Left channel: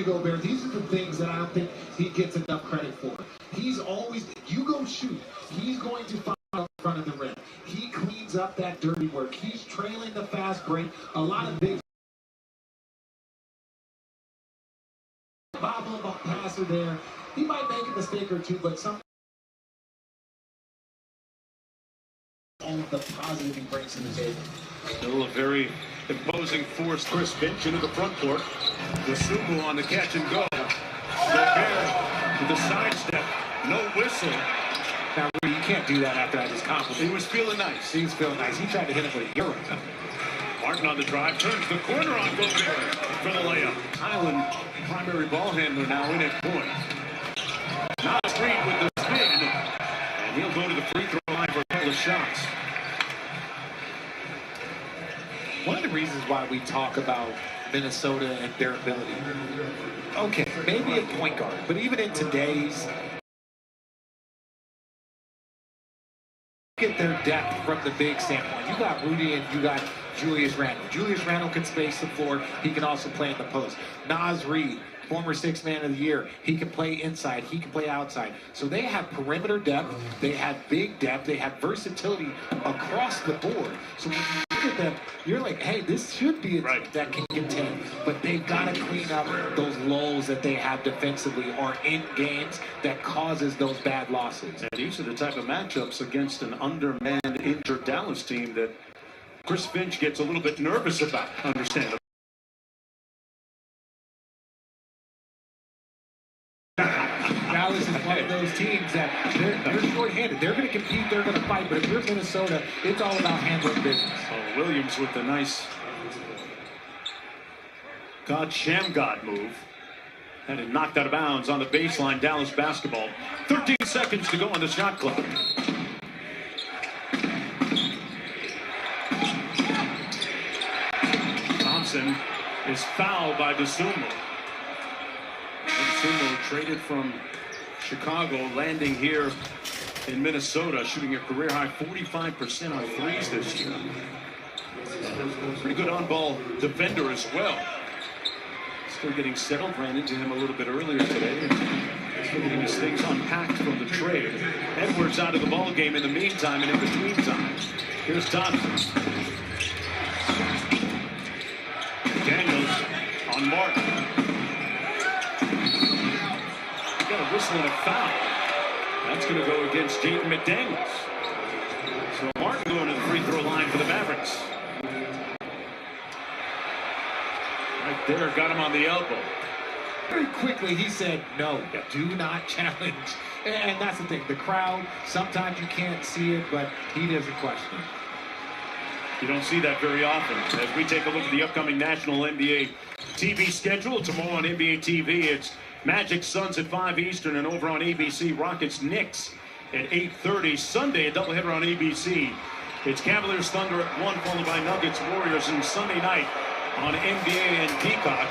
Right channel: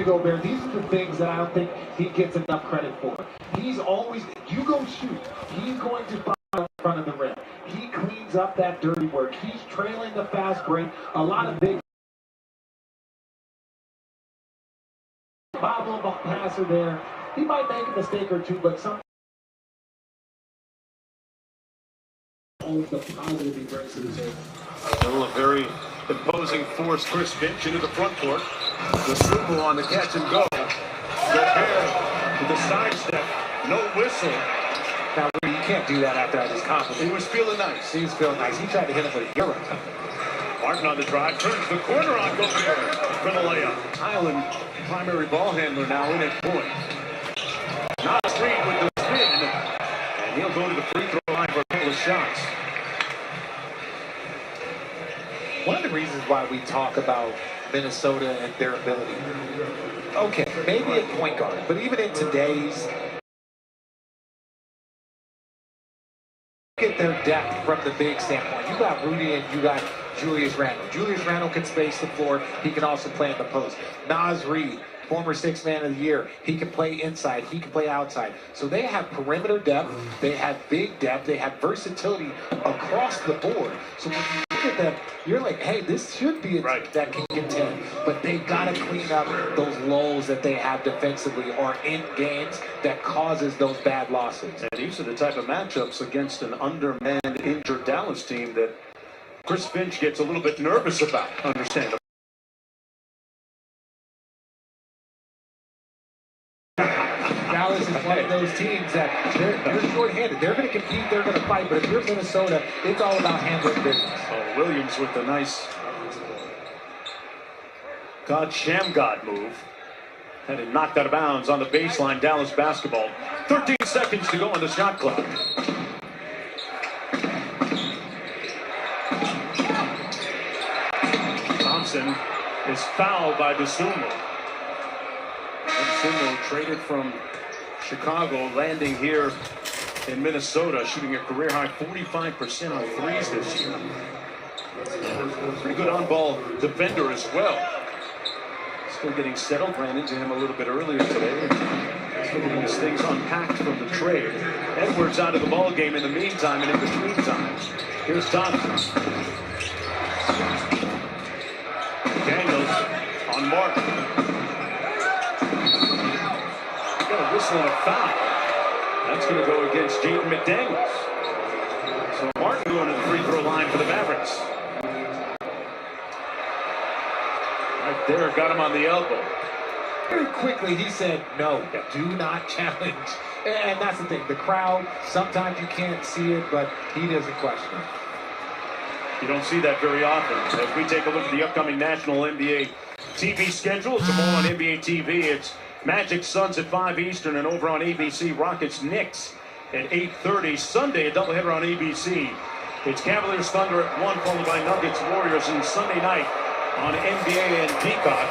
Rudy Gobert, these are the things that I don't think he gets enough credit for. He's always, you go shoot, he's going to find in front of the rim. He cleans up that dirty work. He's trailing the fast break. A lot of big bobble passer there. He might make a mistake or two, but some the positive he brings to the table. Still a very imposing force. Chris Finch into the front court. The Sumo on the catch and go. Gobert to the sidestep. No whistle. Now, you can't do that after I just complimented. He was feeling nice. He was feeling nice. He tried to hit him with a euro. Martin on the drive. Turns the corner on Gobert for the layup. Highland, primary ball handler now in at point. Nas Reed with the spin. And he'll go to the free throw line for a couple of shots. One of the reasons why we talk about Minnesota and their ability, okay, maybe a point guard, but even in today's, get their depth from the big standpoint. You got Rudy and you got Julius Randle. Julius Randle can space the floor. He can also play in the post. Nas Reed, former sixth man of the year. He can play inside. He can play outside. So they have perimeter depth. They have big depth. They have versatility across the board. So when you look at them, you're like, hey, this should be a team that can contend. But they've got to clean up those lulls that they have defensively or in games that causes those bad losses. And these are the type of matchups against an undermanned, injured Dallas team that Chris Finch gets a little bit nervous about, understandably. Dallas is one of those teams that they're short-handed. They're going to compete, they're going to fight, but if you're Minnesota, it's all about handling business. Oh, Williams with the nice Shamgod move. And it knocked out of bounds on the baseline, Dallas basketball. 13 seconds to go on the shot clock. Thompson is fouled by DeSumo. DeSumo traded from Chicago, landing here in Minnesota, shooting a career-high 45% on threes this year. Pretty good on-ball defender as well. Still getting settled. Ran into him a little bit earlier today. Still getting his things unpacked from the trade. Edwards out of the ball game in the meantime and in between times. Here's Thompson. Daniels on Martin. Got a whistle and a foul. That's going to go against Jaden McDaniels. So Martin going to the free throw line for the Mavericks. Right there, got him on the elbow. Very quickly, he said, no, do not challenge. And that's the thing. The crowd, sometimes you can't see it, but he doesn't question it. You don't see that very often. As we take a look at the upcoming National NBA TV schedule, tomorrow on NBA TV, it's Magic Suns at 5 Eastern, and over on ABC, Rockets Knicks at 8:30. Sunday, a doubleheader on ABC. It's Cavaliers Thunder at 1, followed by Nuggets Warriors, and Sunday night on NBA and Peacock,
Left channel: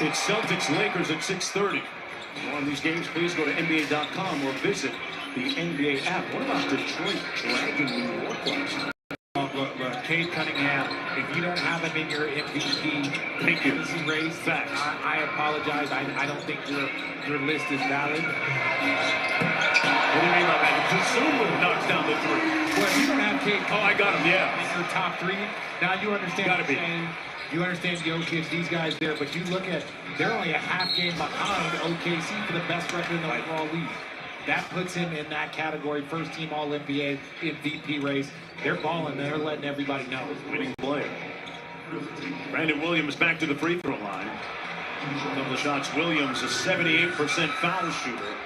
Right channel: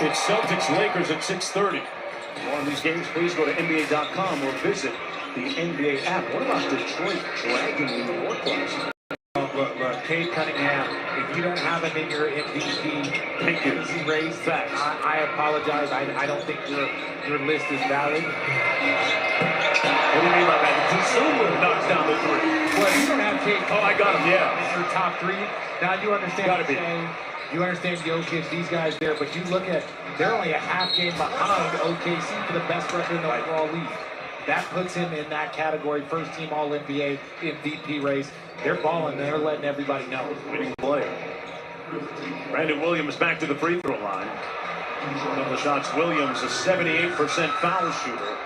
it's Celtics Lakers at 6:30. For more on these games, please go to NBA.com or visit the NBA app. What about Detroit dragging New York last night? Look, Cade Cunningham, if you don't have him in your MVP race, I apologize. I don't think your list is valid. What do you mean by that? DeSumo knocks down the three. Well, you don't have Cade. Oh, I got him, yeah. In your top three. Now you understand what I'm saying. You understand Jokic, these guys there, but you look at, they're only a half game behind OKC for the best record in the overall league. That puts him in that category, first team All-NBA MVP race. They're balling, they're letting everybody know. Winning player. Brandon Williams back to the free throw line. On the shots, Williams a 78% foul shooter.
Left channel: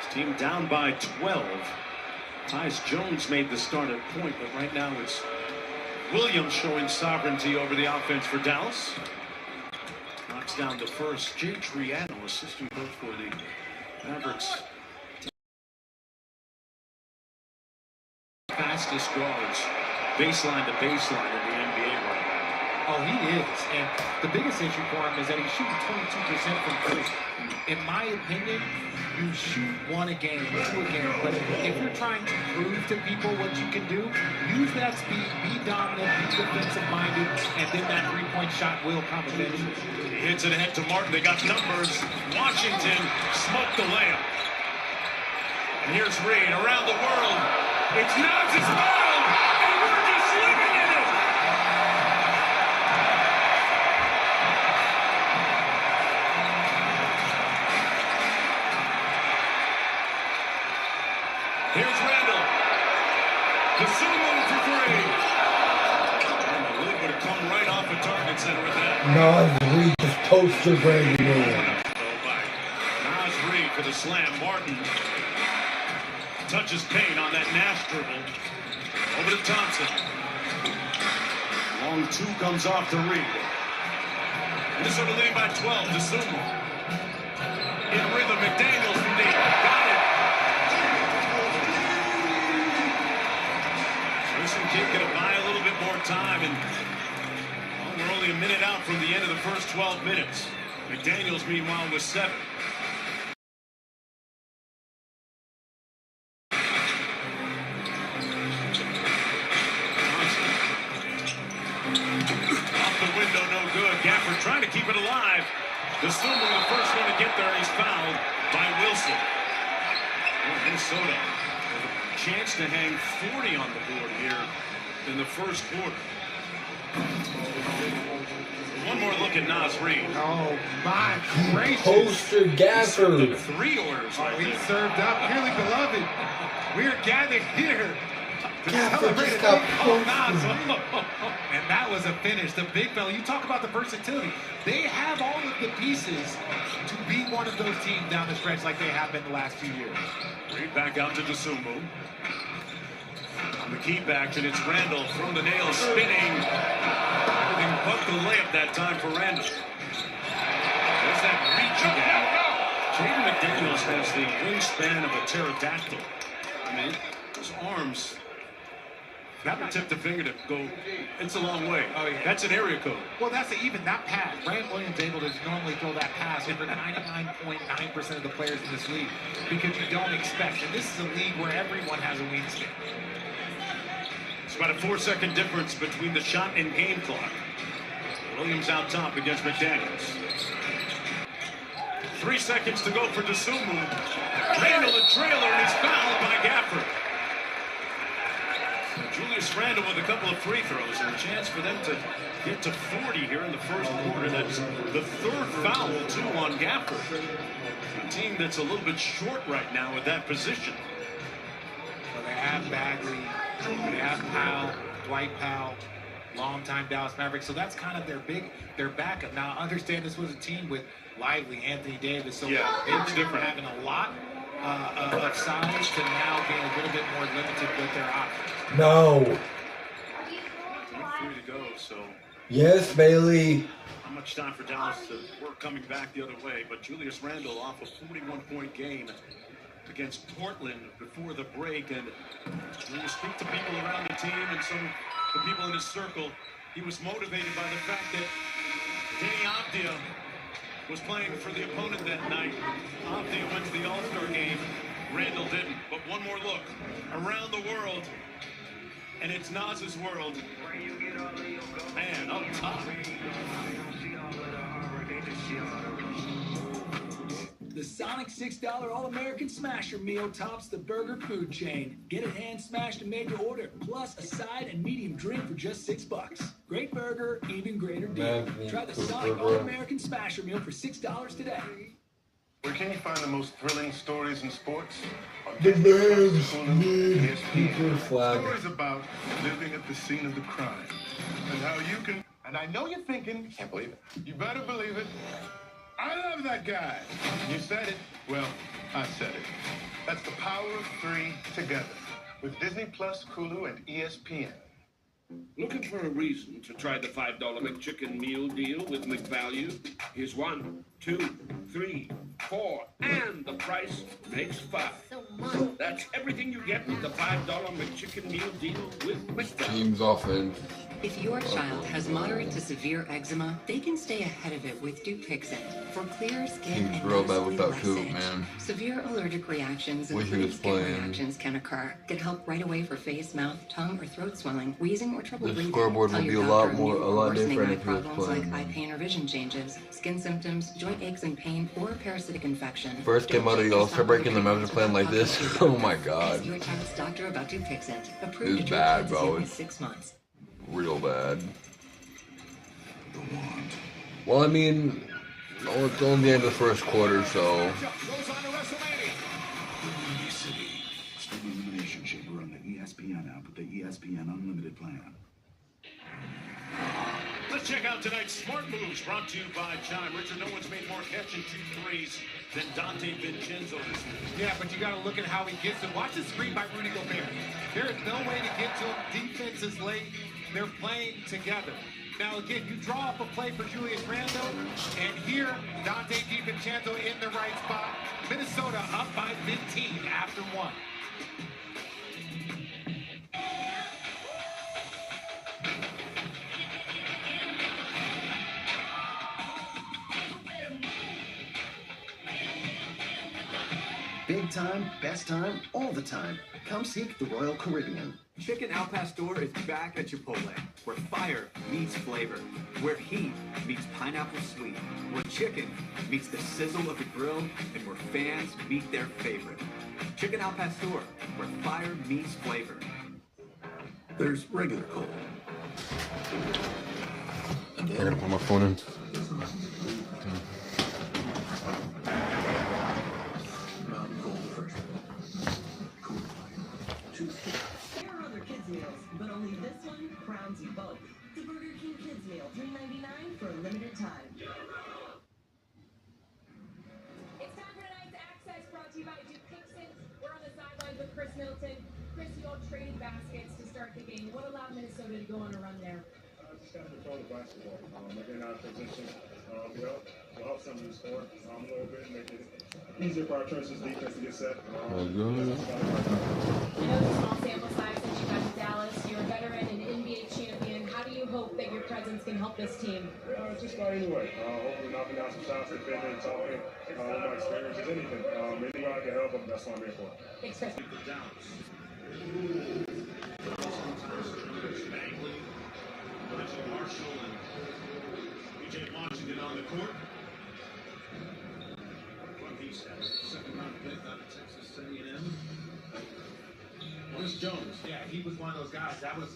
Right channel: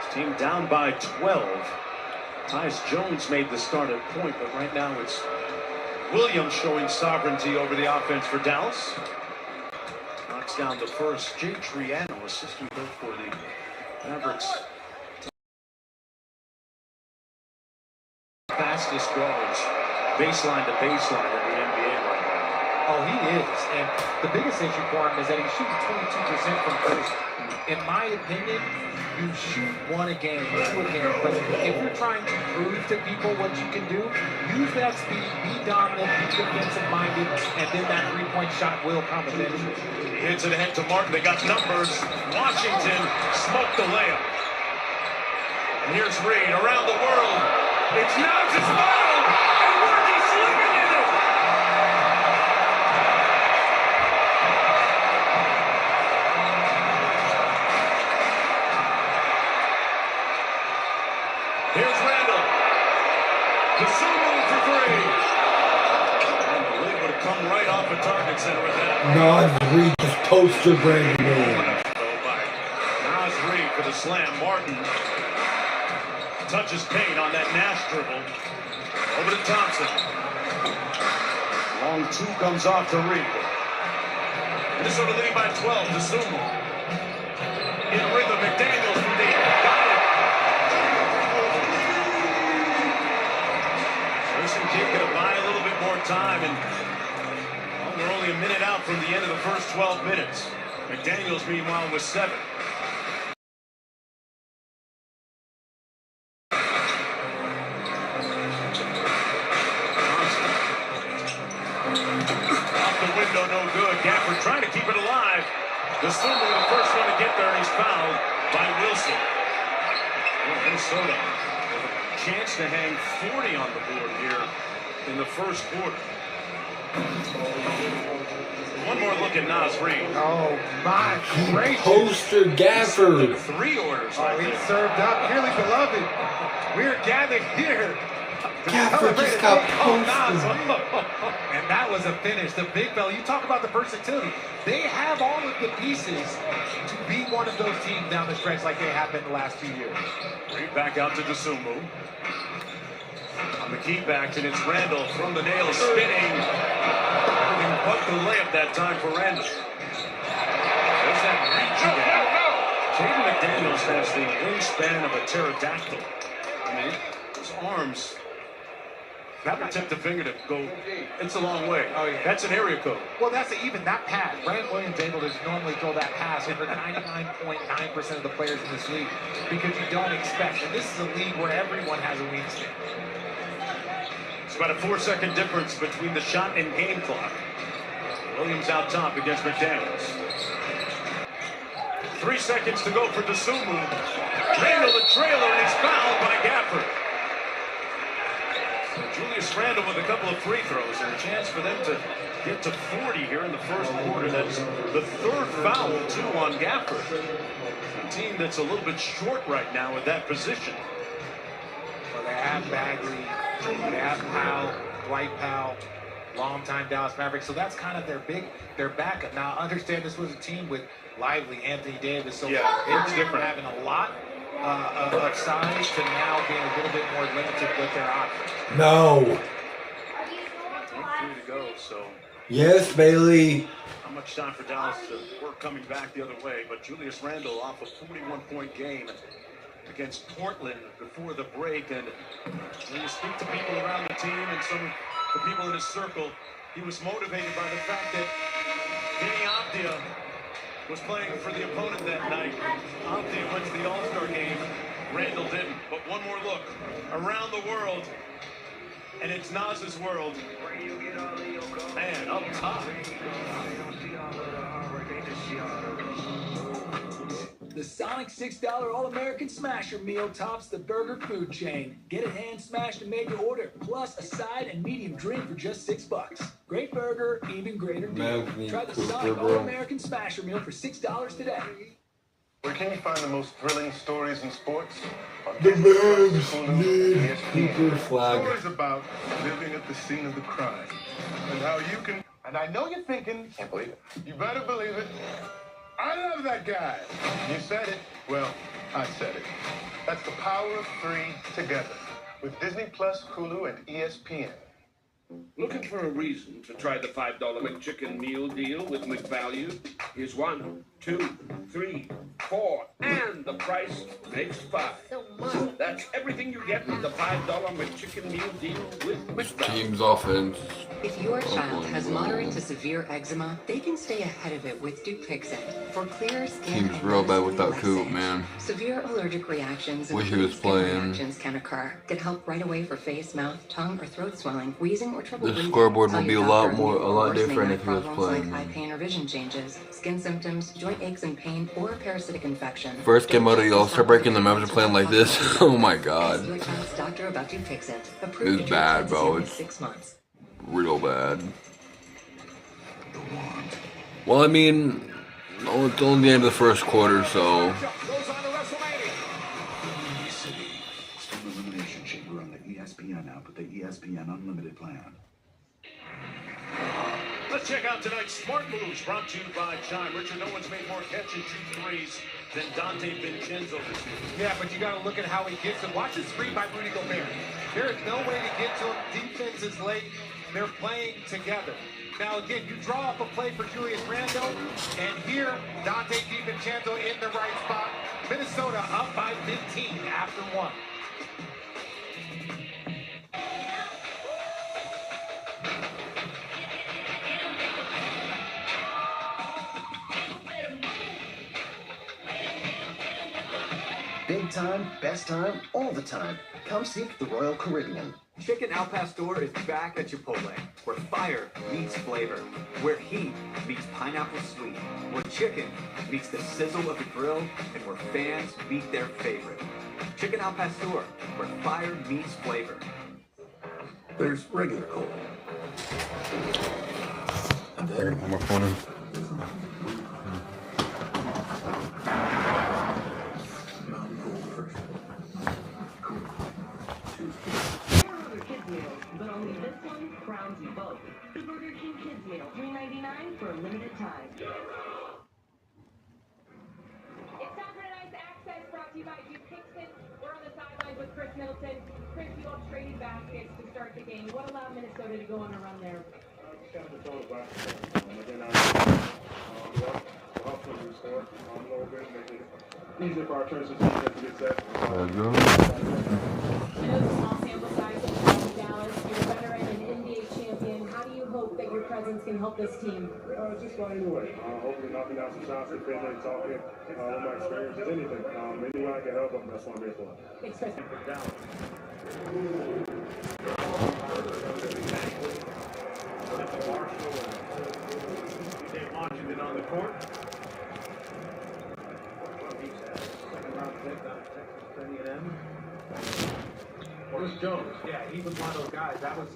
His team down by 12. Tyus Jones made the start at point, but right now it's Williams showing sovereignty over the offense for Dallas. Knocks down the first. Jay Triano, assistant coach for the Mavericks. Fastest guards, baseline to baseline in the NBA right now. Oh, he is. And the biggest issue for him is that he's shooting 22% from three. In my opinion, you shoot one a game, two a game. But if you're trying to prove to people what you can do, use that speed, be dominant, be defensive-minded, and then that three-point shot will come eventually. He hits it ahead to Martin. They got numbers. Washington smoked the layup. And here's Reed around the world. It's Naz's world, and we're just living in it. Here's Randall. Kasumu for three. And the lid would have come right off the target center with that. Nas Reed just poster Brandon Miller. Nas Reed for the slam. Martin touches paint on that Nash dribble. Over to Thompson. Long two comes off to Reed. Minnesota leading by 12 to Sumo. In rhythm, McDaniels from deep. Got it. Listen, kid, gonna buy a little bit more time, and we're only a minute out from the end of the first 12 minutes. McDaniels, meanwhile, was 7. Off the window, no good. Gafford trying to keep it alive. Kasumu, the first one to get there, and he's fouled by Wilson. Well, Minnesota with a chance to hang 40 on the board here in the first quarter. One more look at Nas Reed. Oh, my gracious. Poster Gafford. 3 orders. Oh, he served up. Dearly beloved, we're gathered here. Gafford just got posted. And that was a finish. The big fella, you talk about the versatility. They have all of the pieces to be one of those teams down the stretch like they have been the last 2 years. Reed back out to Dosunmu. On the keep action, it's Randall from the nail, spinning. Everything but the layup that time for Randall. There's that reach again. Jaden McDaniels has the wingspan of a pterodactyl. I mean, his arms never tip the finger to go. It's a long way. Oh, yeah. That's an area code. Well, that's even that pass. Grant Williams able to normally throw that pass over 99.9% of the players in this league because you don't expect. And this is a league where everyone has a wingspan. It's about a 4-second difference between the shot and game clock. Williams out top against McDaniels. 3 seconds to go for Dosunmu. Randall the trailer, and he's fouled by Gafford. So Julius Randall with a couple of free throws and a chance for them to get to 40 here in the first quarter. That's the third foul, too, on Gafford. A team that's a little bit short right now at that position. So they have Bagley, they have Powell, Dwight Powell, longtime Dallas Mavericks. So that's kind of their backup. Now, understand this was a team with Lively, Anthony Davis. So Yeah, it's different. Having a lot of size to now being a little bit more limited with their offense. No. 3 to go, so Yes, Bailey. not much time for Dallas to work coming back the other way. But Julius Randall off a 41-point game against Portland before the break. And when you speak to people around the team and some of the people in his circle, he was motivated by the fact that Danny Avdia was playing for the opponent that night. Avdia went to the All-Star game. Randall didn't. But one more look around the world, and it's Nas's world. Man, up top. The Sonic $6 All-American Smasher meal tops the burger food chain. Get it hand smashed and made to order, plus a side and medium drink for just $6. Great burger, even greater deal. Try the Sonic All-American Smasher meal for $6 today. Where can you find the most thrilling stories in sports? The Mavs need Cooper flag. Stories about living at the scene of the crime and how you can. And I know you're thinking, can't believe it. You better believe it. I love that guy. You said it. Well, I said it. That's the power of 3 together with Disney Plus, Hulu, and ESPN. Looking for a reason to try the $5 McChicken meal deal with McValue? Here's 1, 2, 3, 4, and the price makes 5. That's everything you get with the $5 McChicken meal deal with McValue. Team's offense. If your child has moderate to severe eczema, they can stay ahead of it with Dupixent for clear skin Team's and real bad noticeably without less Coop, itch. man. Severe allergic reactions and Wish he was skin playing. reactions can occur. Get help right away for face, mouth, tongue, or throat swelling, wheezing, or trouble The breathing. scoreboard Tell will be your a lot doctor more, a lot worsening different eye if he was problems playing. like eye pain or vision changes, skin symptoms, joint aches and pain, or a parasitic infection. First game out of the All-Star break and the Mavericks are playing like this. Oh my Ask god. your child's doctor about Dupixent. Approved It's to treat bad, kids as bro. young as It's 6 months. real bad. Well, I mean, oh, it's only the end of the first quarter, so. It's from the Elimination Chamber on the ESPN app with the ESPN Unlimited plan. Let's check out tonight's Smart Moves brought to you by Chime. Richard, no one's made more catch and shoot threes than Dante Vincenzo this week. Yeah, but you got to look at how he gets it. Watch the screen by Rudy Gobert. There is no way to get to him. Defense is late. They're playing together. Now, again, you draw up a play for Julius Randle, and here, Dante DiVincenzo in the right spot. Minnesota up by 15 after 1. Big time, best time, all the time. Come seek the Royal Caribbean. Chicken Al Pastor is back at Chipotle, where fire meets flavor, where heat meets pineapple sweet, where chicken meets the sizzle of the grill, and where fans meet their favorite. Chicken Al Pastor, where fire meets flavor. There's regular cola. And I gotta then put my phone in. Mountain Cold first. Cool. There are other kids meals, but only this one crowns you both. The Burger King Kids Meal, $3.99 for a limited time. It's time for tonight's Access brought to you by Dupixent. We're on the sidelines with Chris Middleton. Chris, you all traded baskets to start the game. What allowed Minnesota to go on a run there? Just got to control the basketball. Again, we also use score a little bit, making it easier for our transition defense to get set. Let's go. I know it's a small sample size that you have in Dallas. You're a veteran and NBA champion. How do you hope that your presence can help this team? Just about anyway. Hopefully knocking down some shots, defending and talking. My experience is anything. Any way I can help them, that's what I'm here for. Thanks, Chris. Marshall and PJ Washington on the court. Rookies, second round pick out of Texas A&M. Bruce Jones. Yeah, he was one of those guys. That was,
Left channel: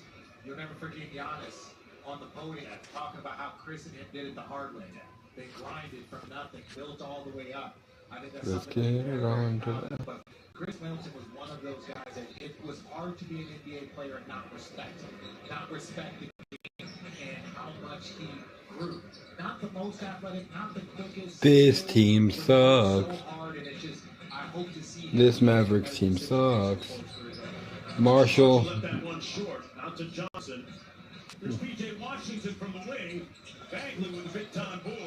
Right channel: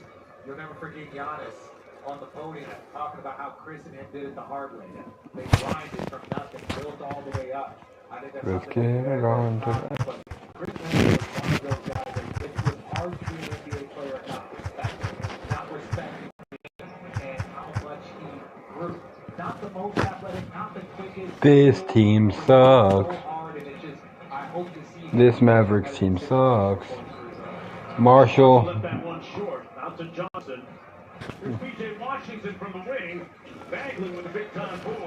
you'll never forget Giannis on the podium talking about how Chris and him did it the hard way. They grinded from nothing, built all the way up. I think that's Let's something get that it on to but that. Chris Middleton was one of those guys that it was hard to be an NBA player and not respecting him and how much he grew. Not the most athletic, not the quickest. This team sucks. So hard, and it just, I hope to see This Mavericks team sucks. Marshall. Left that one short. Out to Johnson. Here's PJ Washington from the wing. Bagley with a big time board.